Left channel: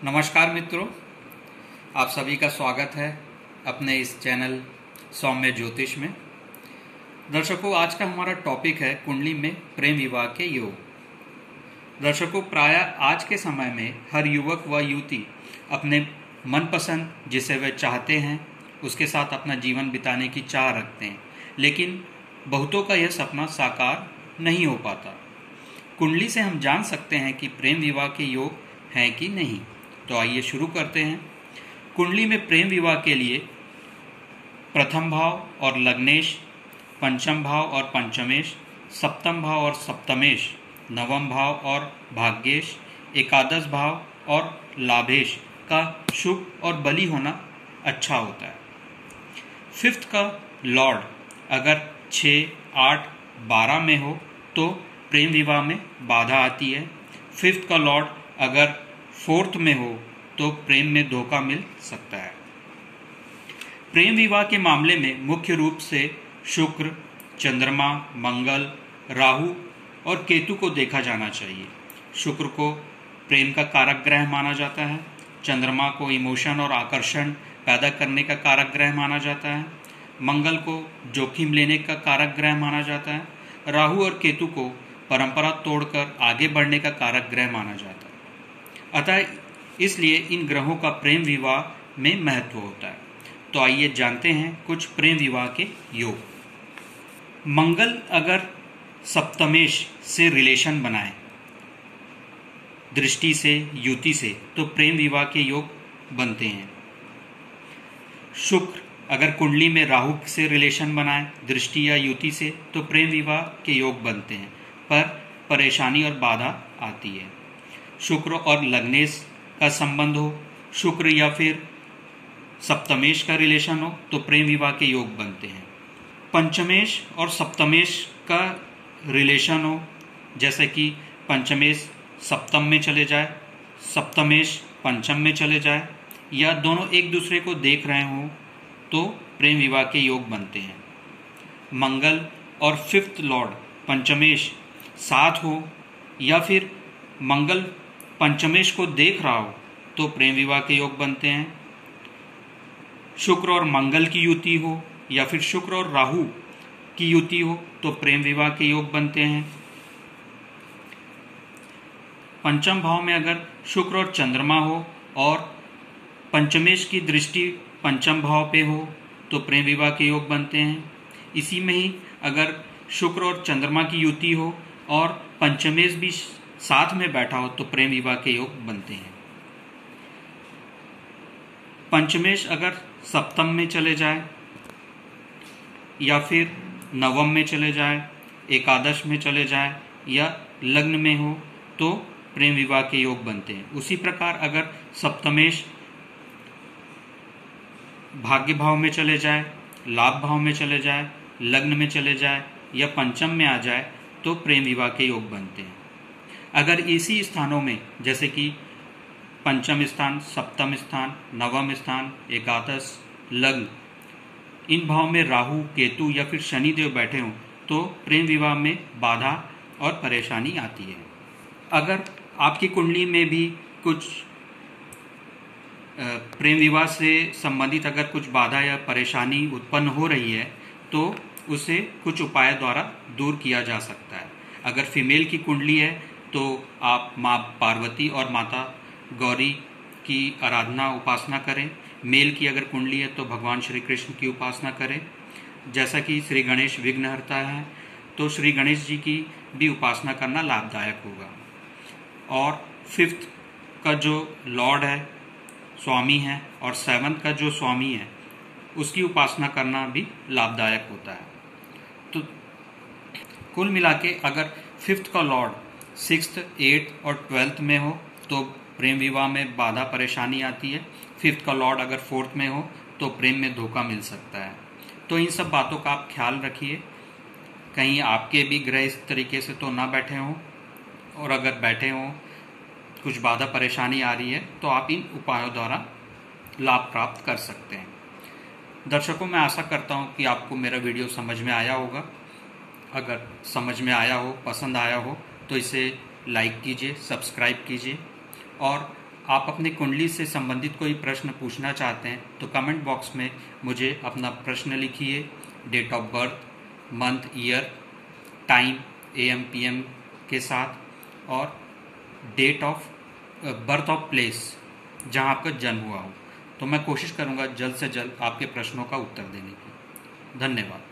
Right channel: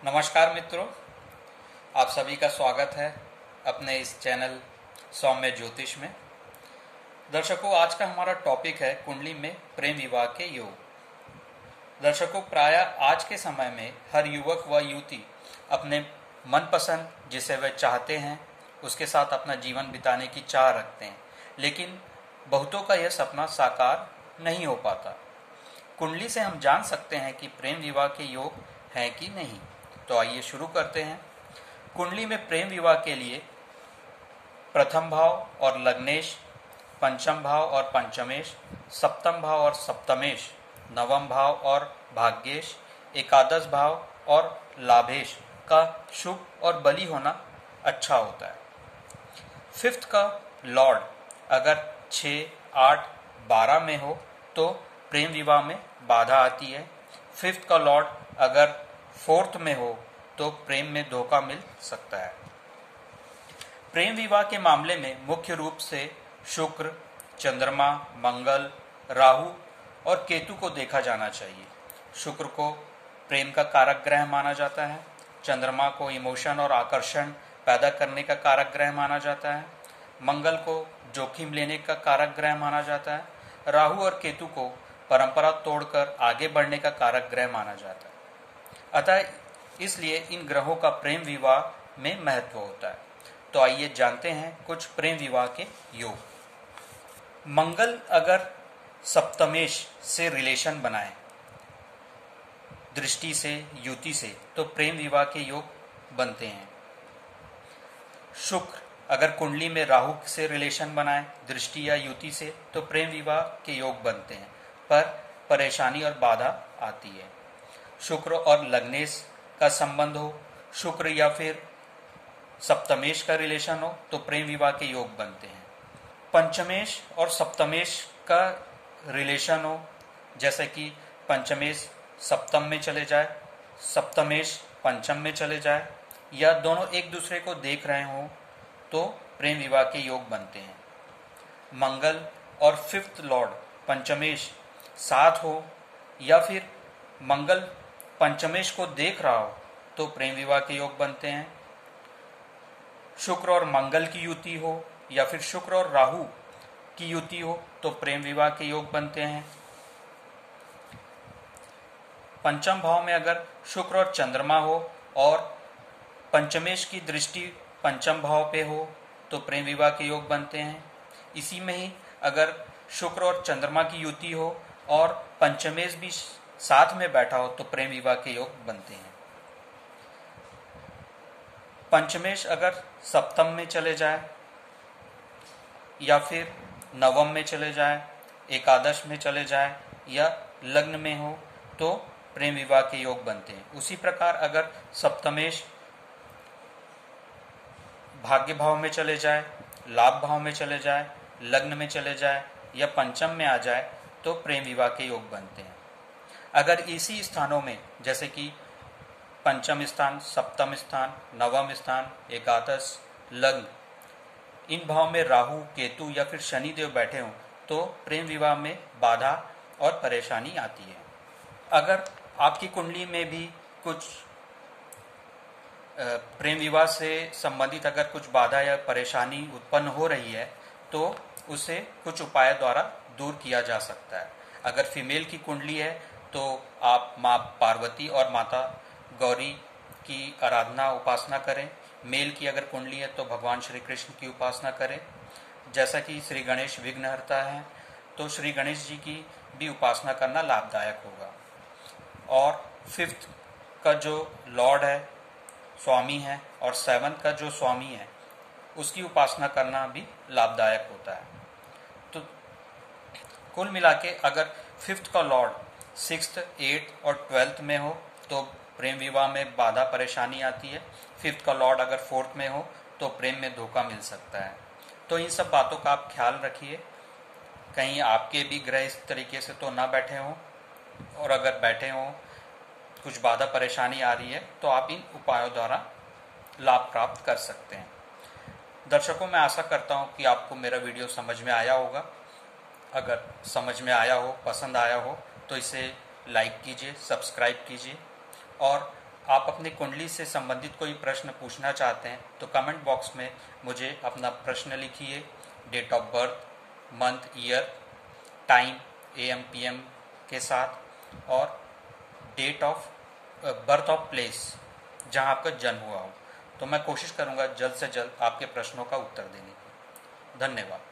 नमस्कार मित्रों, आप सभी का स्वागत है अपने इस चैनल सौम्य ज्योतिष में। दर्शकों, आज का हमारा टॉपिक है कुंडली में प्रेम विवाह के योग। दर्शकों, प्रायः आज के समय में हर युवक व युवती अपने मनपसंद जिसे वे चाहते हैं उसके साथ अपना जीवन बिताने की चाह रखते हैं, लेकिन बहुतों का यह सपना साकार नहीं हो पाता। कुंडली से हम जान सकते हैं कि प्रेम विवाह के योग हैं कि नहीं। तो आइए शुरू करते हैं। कुंडली में प्रेम विवाह के लिए प्रथम भाव और लग्नेश, पंचम भाव और पंचमेश, सप्तम भाव और सप्तमेश, नवम भाव और भाग्येश, एकादश भाव और लाभेश का शुभ और बली होना अच्छा होता है। फिफ्थ का लॉर्ड अगर 6, 8, 12 में हो तो प्रेम विवाह में बाधा आती है। फिफ्थ का लॉर्ड अगर फोर्थ में हो तो प्रेम में धोखा मिल सकता है। प्रेम विवाह के मामले में मुख्य रूप से शुक्र, चंद्रमा, मंगल, राहु और केतु को देखा जाना चाहिए। शुक्र को प्रेम का कारक ग्रह माना जाता है। चंद्रमा को इमोशन और आकर्षण पैदा करने का कारक ग्रह माना जाता है। मंगल को जोखिम लेने का कारक ग्रह माना जाता है। राहु और केतु को परंपरा तोड़कर आगे बढ़ने का कारक ग्रह माना जाता है। अतः इसलिए इन ग्रहों का प्रेम विवाह में महत्व होता है। तो आइए जानते हैं कुछ प्रेम विवाह के योग। मंगल अगर सप्तमेश से रिलेशन बनाए दृष्टि से, युति से, तो प्रेम विवाह के योग बनते हैं। शुक्र अगर कुंडली में राहु से रिलेशन बनाए दृष्टि या युति से, तो प्रेम विवाह के योग बनते हैं, पर परेशानी और बाधा आती है। शुक्र और लग्नेश का संबंध हो, शुक्र या फिर सप्तमेश का रिलेशन हो, तो प्रेम विवाह के योग बनते हैं। पंचमेश और सप्तमेश का रिलेशन हो, जैसे कि पंचमेश सप्तम में चले जाए, सप्तमेश पंचम में चले जाए, या दोनों एक दूसरे को देख रहे हों, तो प्रेम विवाह के योग बनते हैं। मंगल और फिफ्थ लॉर्ड पंचमेश साथ हो, या फिर मंगल पंचमेश को देख रहा हो, तो प्रेम विवाह के योग बनते हैं। शुक्र और मंगल की युति हो, या फिर शुक्र और राहु की युति हो, तो प्रेम विवाह के योग बनते हैं। पंचम भाव में अगर शुक्र और चंद्रमा हो और पंचमेश की दृष्टि पंचम भाव पे हो, तो प्रेम विवाह के योग बनते हैं। इसी में ही अगर शुक्र और चंद्रमा की युति हो और पंचमेश भी साथ में बैठा हो, तो प्रेम विवाह के योग बनते हैं। पंचमेश अगर सप्तम में चले जाए, या फिर नवम में चले जाए, एकादश में चले जाए, या लग्न में हो, तो प्रेम विवाह के योग बनते हैं। उसी प्रकार अगर सप्तमेश भाग्य भाव में चले जाए, लाभ भाव में चले जाए, लग्न में चले जाए, या पंचम में आ जाए, तो प्रेम विवाह के योग बनते हैं। अगर इसी स्थानों में, जैसे कि पंचम स्थान, सप्तम स्थान, नवम स्थान, एकादश, लग्न, इन भाव में राहु, केतु या फिर शनिदेव बैठे हों, तो प्रेम विवाह में बाधा और परेशानी आती है। अगर आपकी कुंडली में भी कुछ प्रेम विवाह से संबंधित अगर कुछ बाधा या परेशानी उत्पन्न हो रही है, तो उसे कुछ उपाय द्वारा दूर किया जा सकता है। अगर फीमेल की कुंडली है तो आप माँ पार्वती और माता गौरी की आराधना उपासना करें। मेल की अगर कुंडली है तो भगवान श्री कृष्ण की उपासना करें। जैसा कि श्री गणेश विघ्नहर्ता है, तो श्री गणेश जी की भी उपासना करना लाभदायक होगा। और फिफ्थ का जो लॉर्ड है, स्वामी है, और सेवंथ का जो स्वामी है, उसकी उपासना करना भी लाभदायक होता है। तो कुल मिला के अगर फिफ्थ का लॉर्ड 6th, 8th और 12th में हो, तो प्रेम विवाह में बाधा परेशानी आती है। फिफ्थ का लॉर्ड अगर 4th में हो, तो प्रेम में धोखा मिल सकता है। तो इन सब बातों का आप ख्याल रखिए, कहीं आपके भी ग्रह इस तरीके से तो ना बैठे हों, और अगर बैठे हों, कुछ बाधा परेशानी आ रही है, तो आप इन उपायों द्वारा लाभ प्राप्त कर सकते हैं। दर्शकों, मैं आशा करता हूं कि आपको मेरा वीडियो समझ में आया होगा। अगर समझ में आया हो, पसंद आया हो, तो इसे लाइक कीजिए, सब्सक्राइब कीजिए और आप अपनी कुंडली से संबंधित कोई प्रश्न पूछना चाहते हैं तो कमेंट बॉक्स में मुझे अपना प्रश्न लिखिए, date of birth, month, year, time, AM PM के साथ, और date of birth of place जहां आपका जन्म हुआ हो। तो मैं कोशिश करूंगा जल्द से जल्द आपके प्रश्नों का उत्तर देने की। धन्यवाद।